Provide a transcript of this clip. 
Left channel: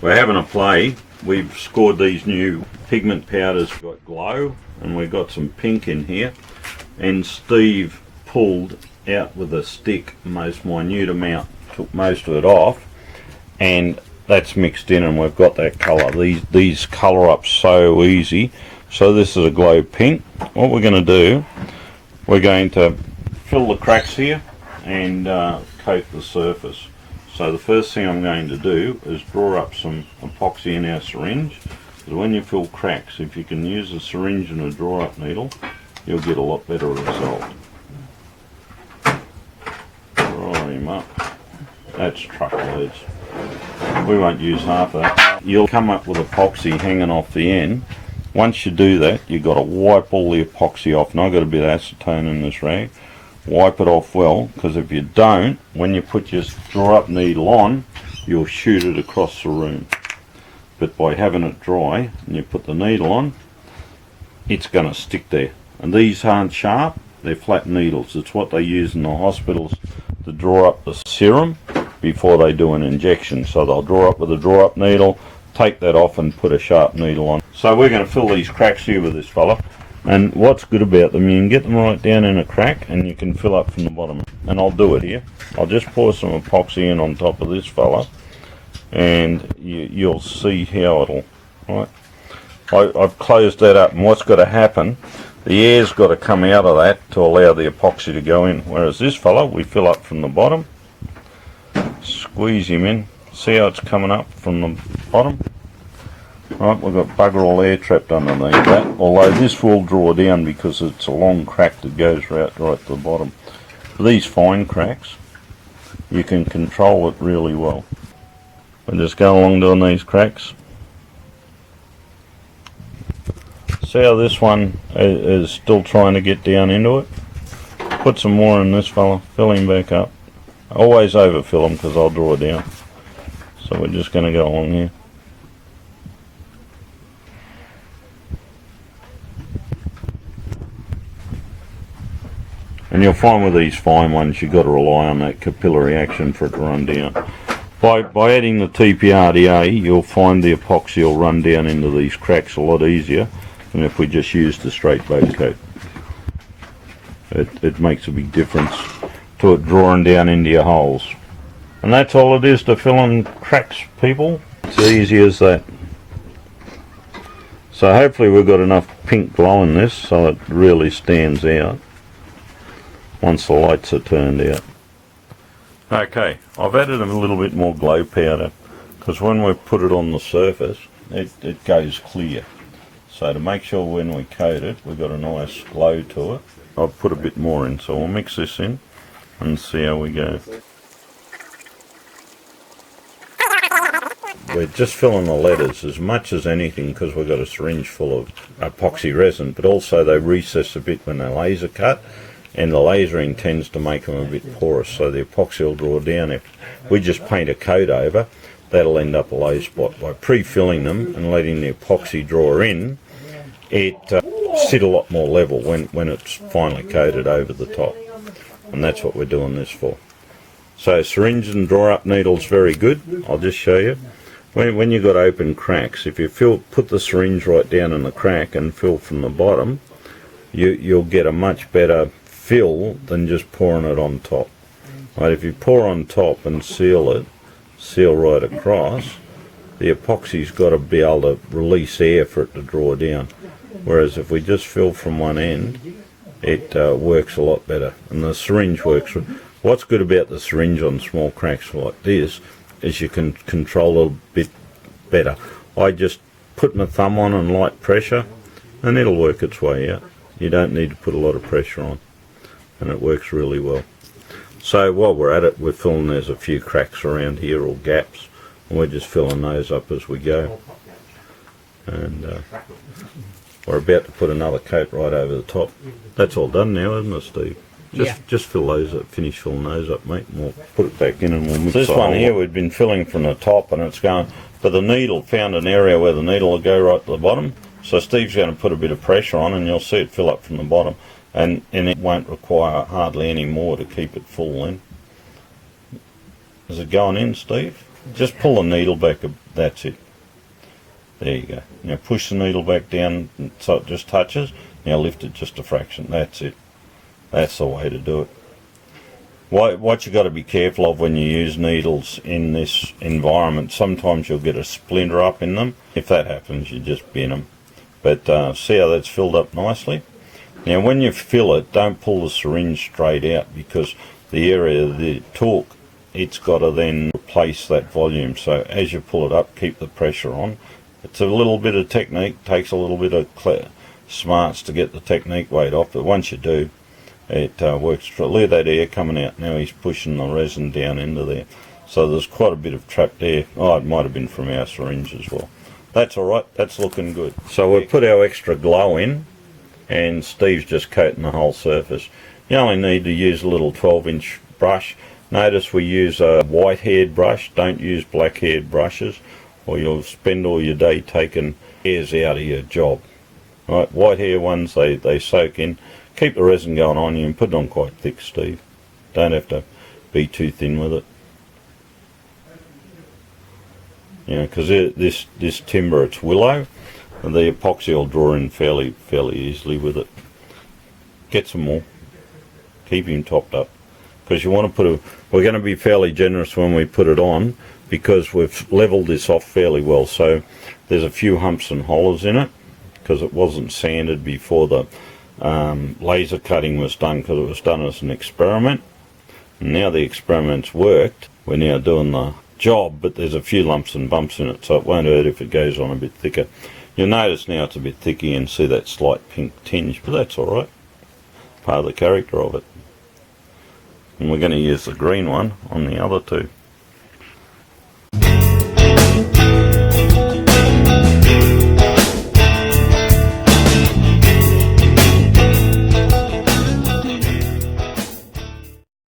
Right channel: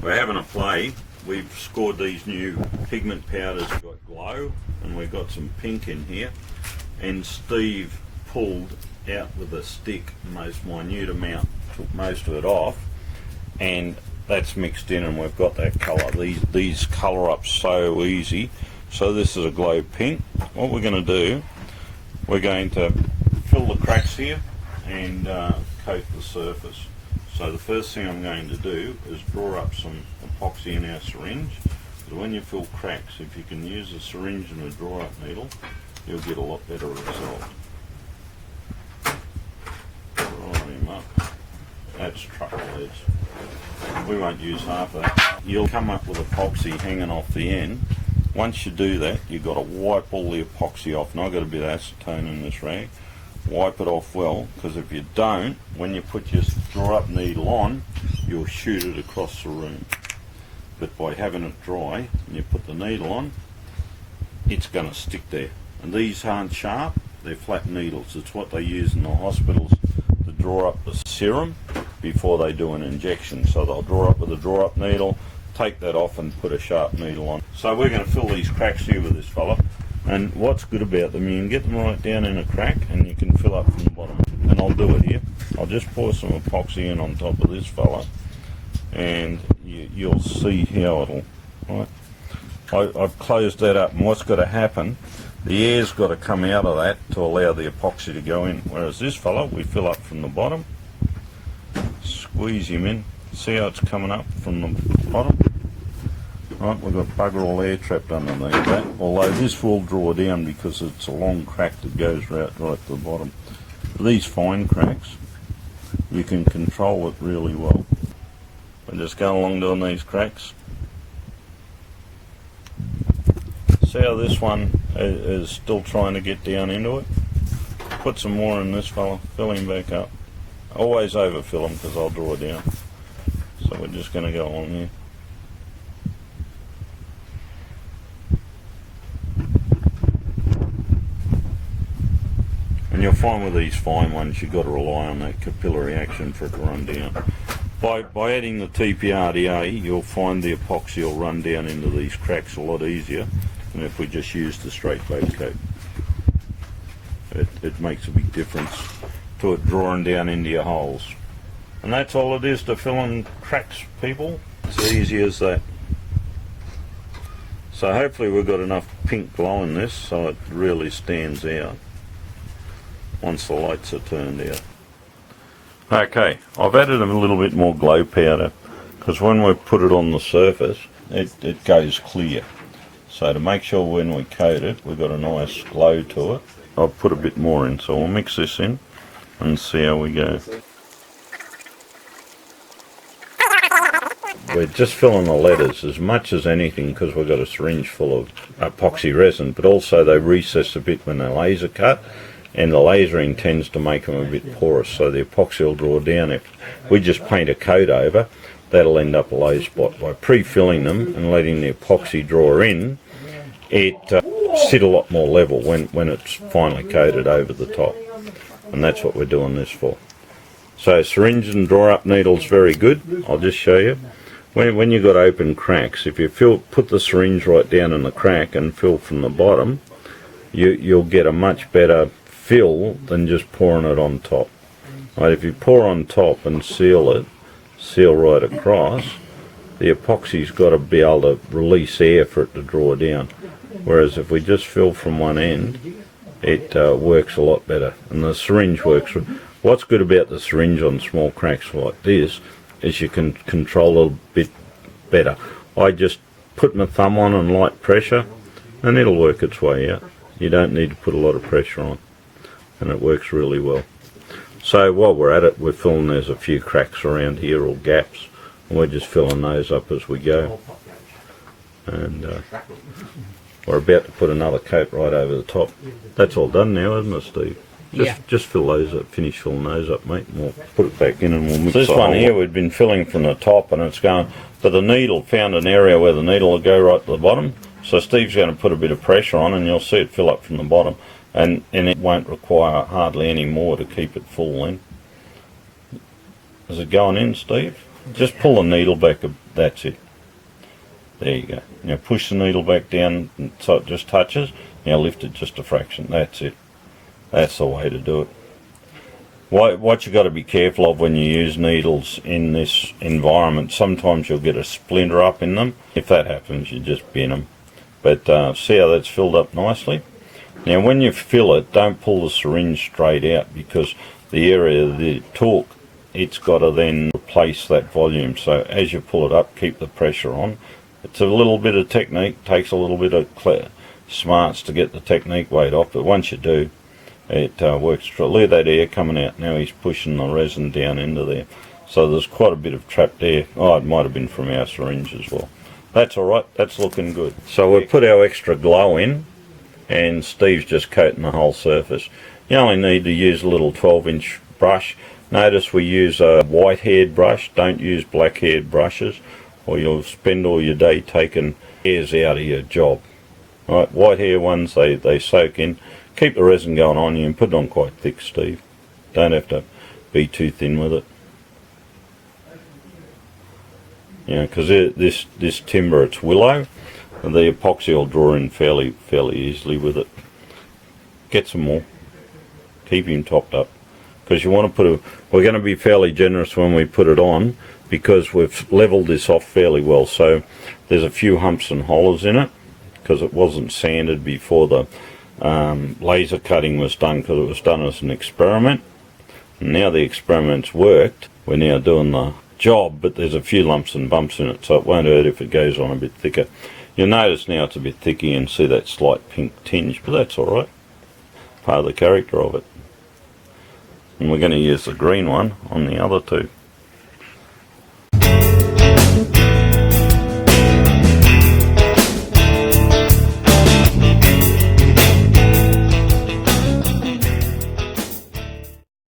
We're having a play. We've scored these new pigment powders. We've got glow and we've got some pink in here, and Steve pulled out with a stick most minute amount, took most of it off, and that's mixed in and we've got that colour. These colour up so easy. So this is a glow pink. What we're going to do, we're going to fill the cracks here and coat the surface. So the first thing I'm going to do is draw up some epoxy in our syringe. So when you fill cracks, if you can use a syringe and a draw up needle, you'll get a lot better result. Roll him up. That's truckloads. We won't use half of that. You'll come up with epoxy hanging off the end. Once you do that, you've got to wipe all the epoxy off. And I've got a bit of acetone in this rag. Wipe it off well, because if you don't, when you put your draw up needle on, you'll shoot it across the room. But by having it dry and you put the needle on, it's going to stick there. And these aren't sharp, they're flat needles. It's what they use in the hospitals to draw up the serum before they do an injection. So they'll draw up with a draw up needle, take that off and put a sharp needle on. So we're going to fill these cracks here with this fella. And what's good about them, you can get them right down in a crack and you can fill up from the bottom. And I'll do it here. I'll just pour some epoxy in on top of this fella and you'll see how it'll, right? I've closed that up, and what's got to happen, the air's got to come out of that to allow the epoxy to go in. Whereas this fella, we fill up from the bottom, squeeze him in, see how it's coming up from the bottom? Right, we've got bugger all air trapped underneath that, although this will draw down because it's a long crack that goes right to the bottom. These fine cracks, you can control it really well. I'll just go along doing these cracks. See how this one is still trying to get down into it? Put some more in this fella, fill him back up. Always overfill him because I'll draw down. So we're just going to go along here. And you'll find with these fine ones you've got to rely on that capillary action for it to run down. By adding the TPRDA, you'll find the epoxy will run down into these cracks a lot easier than if we just used the straight base coat. It makes a big difference to it drawing down into your holes. And that's all it is to fill in cracks, people. It's easy as that. So hopefully we've got enough pink glow in this so it really stands out once the lights are turned out. Okay, I've added a little bit more glow powder because when we put it on the surface it goes clear. So to make sure when we coat it we've got a nice glow to it, I've put a bit more in, so we'll mix this in and see how we go. We're just filling the letters as much as anything because we've got a syringe full of epoxy resin, but also they recess a bit when they're laser cut, and the lasering tends to make them a bit porous, so the epoxy will draw down. If we just paint a coat over, that'll end up a low spot. By pre-filling them and letting the epoxy draw in, it sit a lot more level when it's finally coated over the top, and that's what we're doing this for. So syringe and draw up needle's very good. I'll just show you. When you've got open cracks, if you put the syringe right down in the crack and fill from the bottom, you'll get a much better fill than just pouring it on top. Right, if you pour on top and seal right across, the epoxy's got to be able to release air for it to draw down. Whereas if we just fill from one end, it works a lot better. And the syringe works. What's good about the syringe on small cracks like this is you can control it a bit better. I just put my thumb on and light pressure and it'll work its way out. You don't need to put a lot of pressure on, and it works really well. So while we're at it, we're filling, there's a few cracks around here or gaps, and we're just filling those up as we go. And we're about to put another coat right over the top. That's all done now, isn't it, Steve? Just fill those up, finish filling those up, mate, and we'll put it back in and we'll mix it. This one here we've been filling from the top and it's going, but the needle found an area where the needle will go right to the bottom. So Steve's going to put a bit of pressure on and you'll see it fill up from the bottom, and it won't require hardly any more to keep it full then. Is it going in, Steve? Just pull the needle back, that's it. There you go. Now push the needle back down so it just touches. Now lift it just a fraction, that's it. That's the way to do it. What you got to be careful of when you use needles in this environment, sometimes you'll get a splinter up in them. If that happens, you just bin them. But see how that's filled up nicely? Now when you fill it, don't pull the syringe straight out, because the area of the torque, it's got to then replace that volume. So as you pull it up, keep the pressure on. It's a little bit of technique, takes a little bit of smarts to get the technique weight off, but once you do, it works. Look at that air coming out. Now he's pushing the resin down into there. So there's quite a bit of trapped air. Oh, it might have been from our syringe as well. That's alright, that's looking good. So we've put our extra glow in, and Steve's just coating the whole surface. You only need to use a little 12-inch brush. Notice we use a white-haired brush, don't use black-haired brushes, or you'll spend all your day taking hairs out of your job. Right, white hair ones, they soak in. Keep the resin going on. You can put it on quite thick, Steve. Don't have to be too thin with it. You know, because this timber, it's willow, and the epoxy will draw in fairly easily with it. Get some more. Keep him topped up, because you want to we're going to be fairly generous when we put it on, because we've leveled this off fairly well. So there's a few humps and hollers in it, because it wasn't sanded before the laser cutting was done, because it was done as an experiment. And now the experiment's worked, we're now doing the job, but there's a few lumps and bumps in it, so it won't hurt if it goes on a bit thicker. You'll notice now it's a bit thicker and see that slight pink tinge, but that's alright, part of the character of it. And we're going to use the green one on the other two.